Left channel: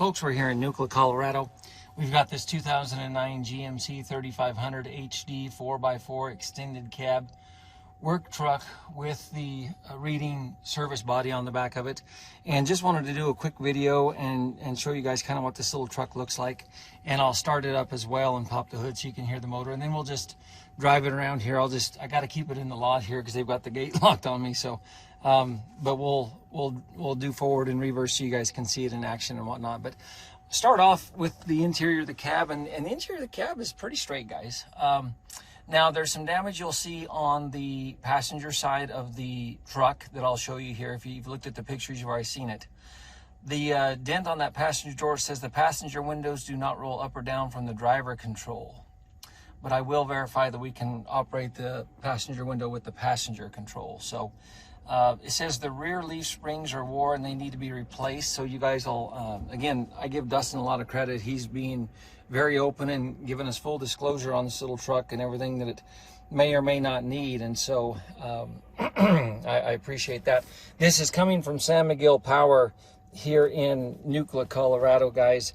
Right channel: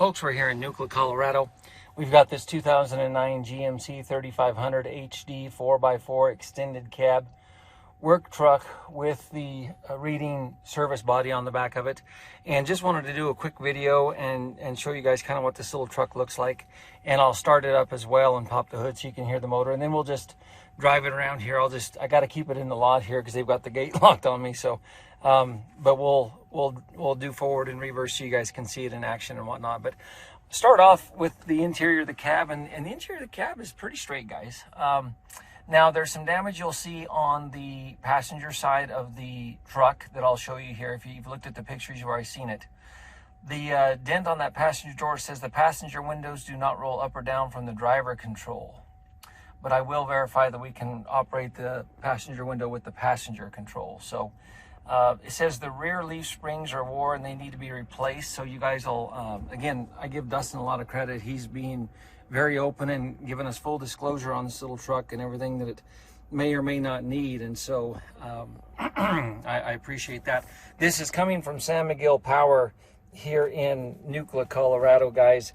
Folks, we're here in Nucla, Colorado. We've got this 2009 GMC 3500 HD 4x4 extended cab work truck with the reading service body on the back of it, and just wanted to do a quick video and show you guys kind of what this little truck looks like. And I'll start it up as well and pop the hood so you can hear the motor, and then we'll just drive it around here. I got to keep it in the lot here because they've got the gate locked on me. So but we'll do forward and reverse so you guys can see it in action and whatnot. But start off with the interior of the cab, and the interior of the cab is pretty straight, guys. Now there's some damage you'll see on the passenger side of the truck that I'll show you here. If you've looked at the pictures, you've already seen it. The dent on that passenger door says the passenger windows do not roll up or down from the driver control, but I will verify that we can operate the passenger window with the passenger control. So it says the rear leaf springs are worn and they need to be replaced. So you guys will, again, I give Dustin a lot of credit. He's being very open and giving us full disclosure on this little truck and everything that it may or may not need. And so I appreciate that. This is coming from San Miguel Power here in Nucla, Colorado, guys.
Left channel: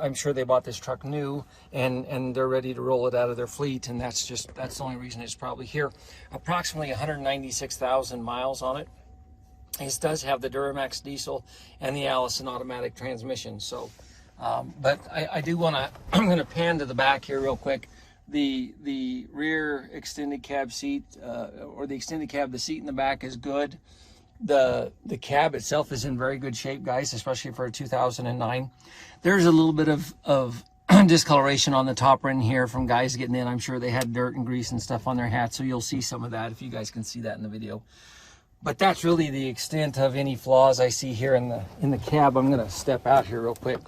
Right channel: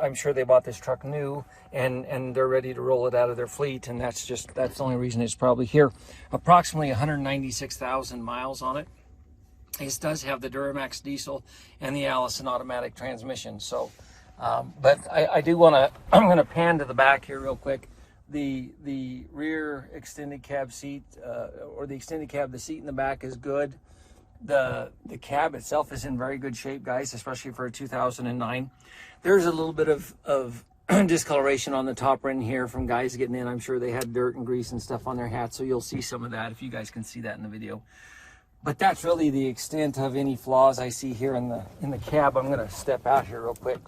I'm sure they bought this truck new and they're ready to roll it out of their fleet, and that's the only reason it's probably here. Approximately 196,000 miles on it. It does have the Duramax diesel and the Allison automatic transmission. So but I do want to, I'm going to pan to the back here real quick. The rear extended cab seat, or the extended cab, the seat in the back is good. The cab itself is in very good shape, guys, especially for a 2009. There's a little bit of discoloration on the top end here from guys getting in. I'm sure they had dirt and grease and stuff on their hats, so you'll see some of that if you guys can see that in the video. But that's really the extent of any flaws I see here in the cab. I'm going to step out here real quick.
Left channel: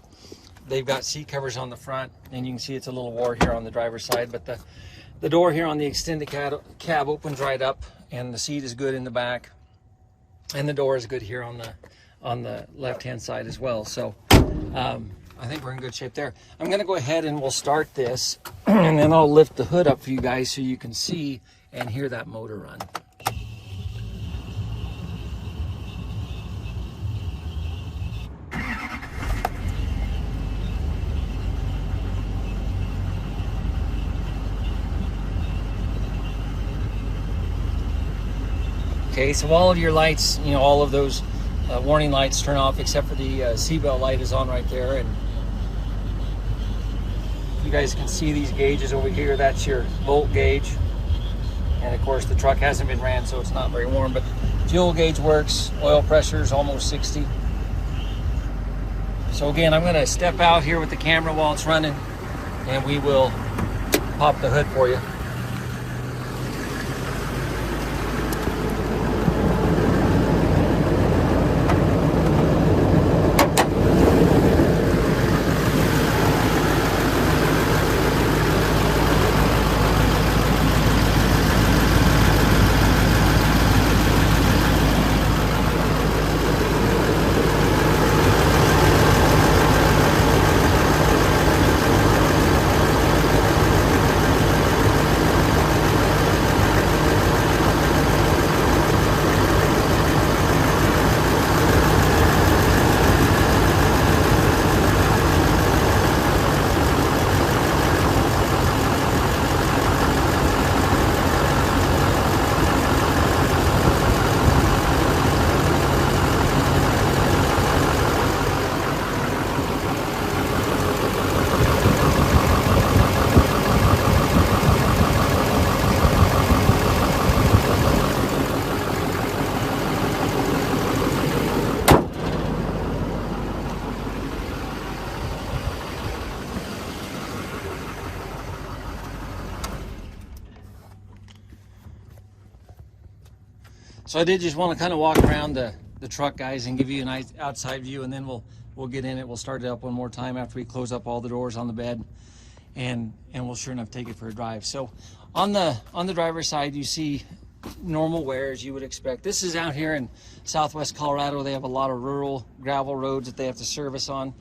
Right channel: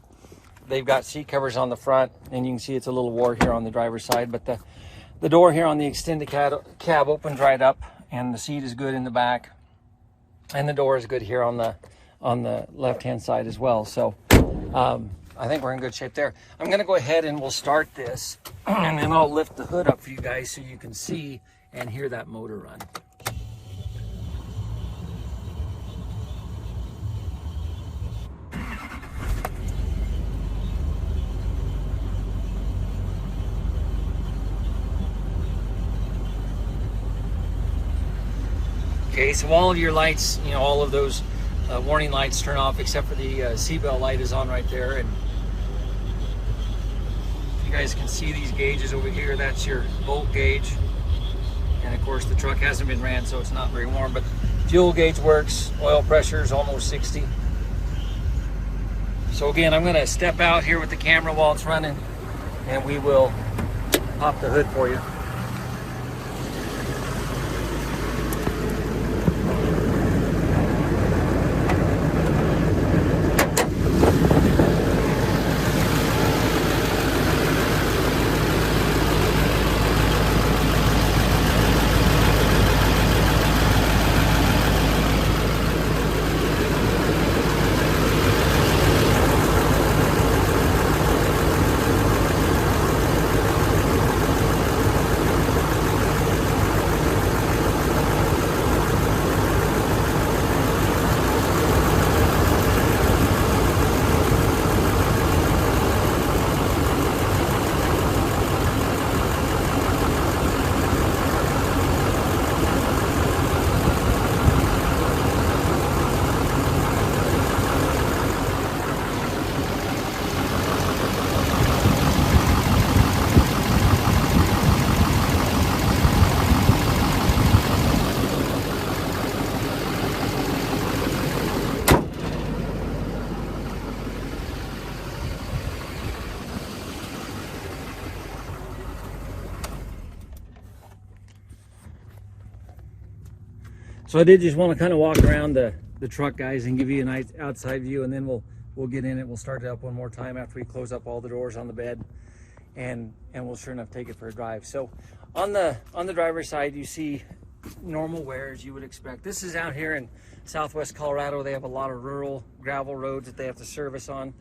They've got seat covers on the front, and you can see it's a little wore here on the driver's side, but the door here on the extended cab opens right up, and the seat is good in the back, and the door is good here on the left hand side as well. So I think we're in good shape there. I'm going to go ahead and we'll start this, and then I'll lift the hood up for you guys so you can see and hear that motor run. Okay, so all of your lights, you know, all of those warning lights turn off except for the seatbelt light is on right there. And you guys can see these gauges over here. That's your volt gauge. And of course the truck hasn't been ran, so it's not very warm, but fuel gauge works. Oil pressure is almost 60. So again, I'm gonna step out here with the camera while it's running, and we will pop the hood for you. So I did just want to kind of walk around the truck, guys, and give you a nice outside view, and then we'll get in it. We'll start it up one more time after we close up all the doors on the bed, and we'll sure enough take it for a drive. So on the driver's side, you see normal wear as you would expect. This is out here in Southwest Colorado. They have a lot of rural gravel roads that they have to service on,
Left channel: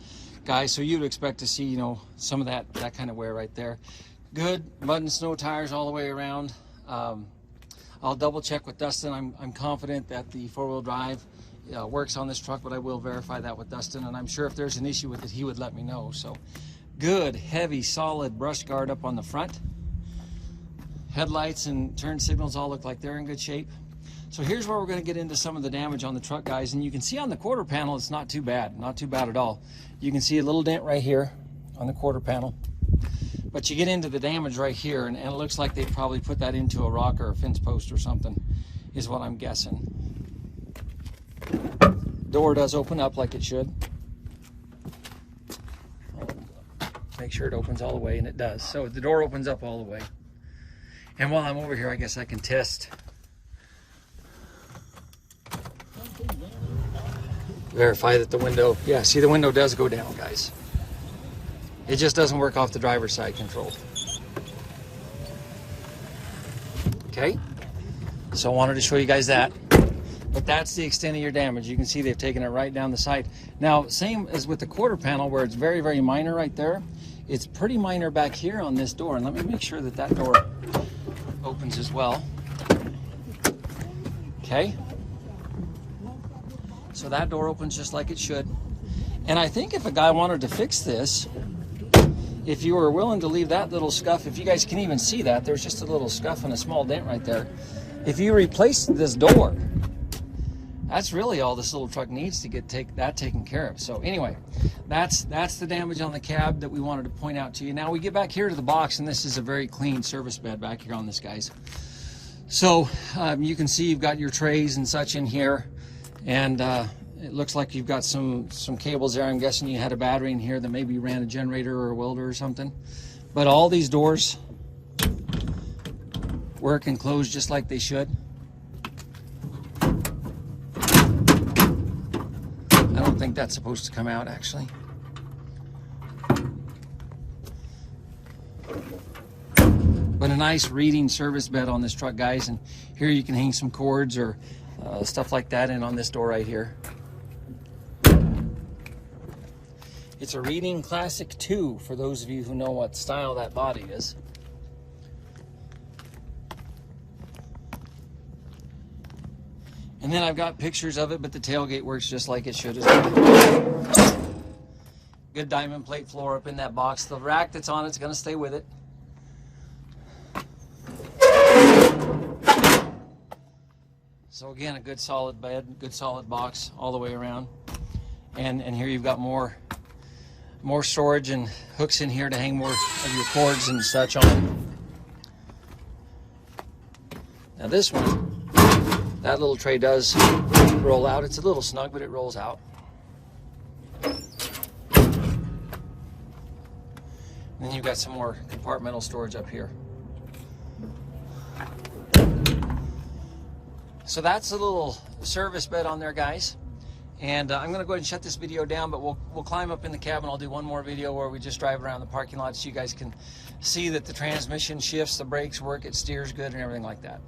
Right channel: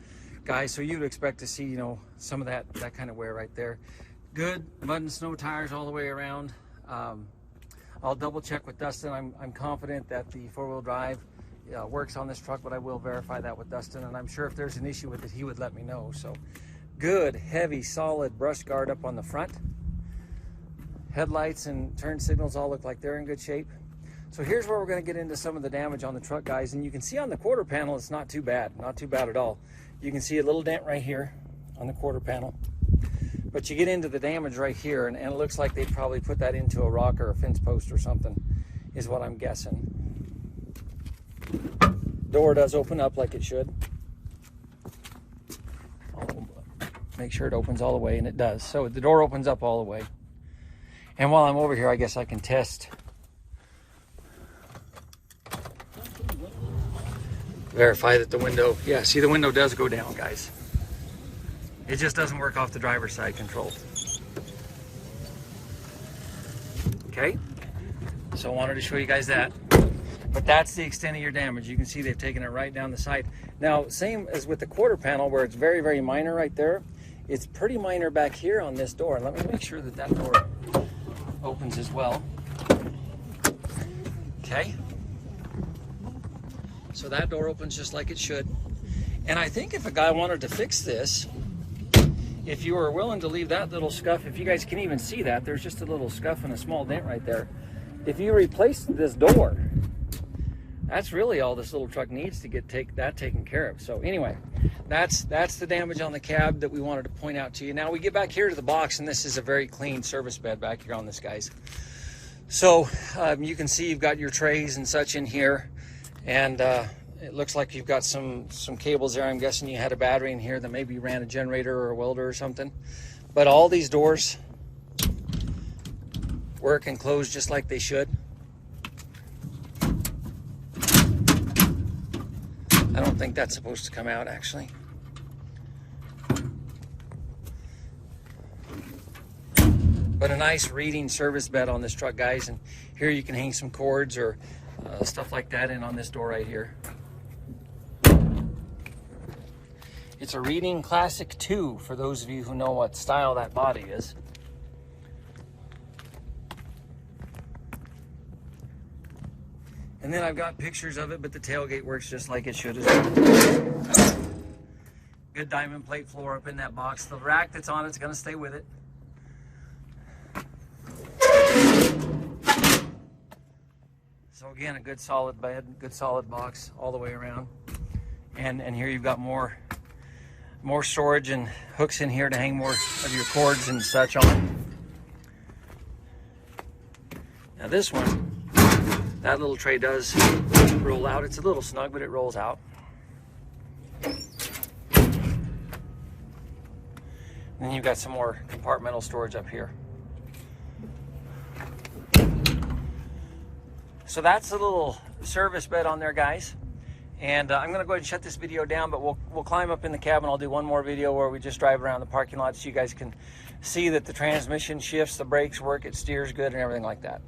guys. So you'd expect to see, you know, some of that kind of wear right there. Good mud and snow tires all the way around. I'll double check with Dustin. I'm confident that the four-wheel drive works on this truck, but I will verify that with Dustin, and I'm sure if there's an issue with it, he would let me know. So good, heavy, solid brush guard up on the front. Headlights and turn signals all look like they're in good shape. So here's where we're going to get into some of the damage on the truck, guys. And you can see on the quarter panel, it's not too bad. Not too bad at all. You can see a little dent right here on the quarter panel. But you get into the damage right here, and it looks like they probably put that into a rock or a fence post or something, is what I'm guessing. Door does open up like it should. Make sure it opens all the way, and it does. So the door opens up all the way. And while I'm over here, I guess I can test. Verify that the window, yeah, see the window does go down, guys. It just doesn't work off the driver's side control. Okay, so I wanted to show you guys that. But that's the extent of your damage. You can see they've taken it right down the side. Now, same as with the quarter panel where it's very, very minor right there. It's pretty minor back here on this door. And let me make sure that that door opens as well. Okay. So that door opens just like it should. And I think if a guy wanted to fix this, if you were willing to leave that little scuff, if you guys can even see that, there's just a little scuff and a small dent right there. If you replace this door, that's really all this little truck needs to get that taken care of. So anyway, that's the damage on the cab that we wanted to point out to you. Now we get back here to the box, and this is a very clean service bed back here on this, guys. So you can see you've got your trays and such in here. And it looks like you've got some cables there. I'm guessing you had a battery in here that maybe ran a generator or a welder or something. But all these doors work and close just like they should. I don't think that's supposed to come out, actually. But a nice reading service bed on this truck, guys. And here you can hang some cords or stuff like that in on this door right here. It's a Reading Classic 2 for those of you who know what style that body is. And then I've got pictures of it, but the tailgate works just like it should. Good diamond plate floor up in that box. The rack that's on it's going to stay with it. So again, a good solid bed, good solid box all the way around. And here you've got more storage and hooks in here to hang more of your cords and such on. Now this one, that little tray does roll out. It's a little snug, but it rolls out. And then you've got some more compartmental storage up here. So that's a little service bed on there, guys. And I'm going to go ahead and shut this video down, but we'll climb up in the cab and I'll do one more video where we just drive around the parking lot so you guys can see that the transmission shifts, the brakes work, it steers good and everything like that.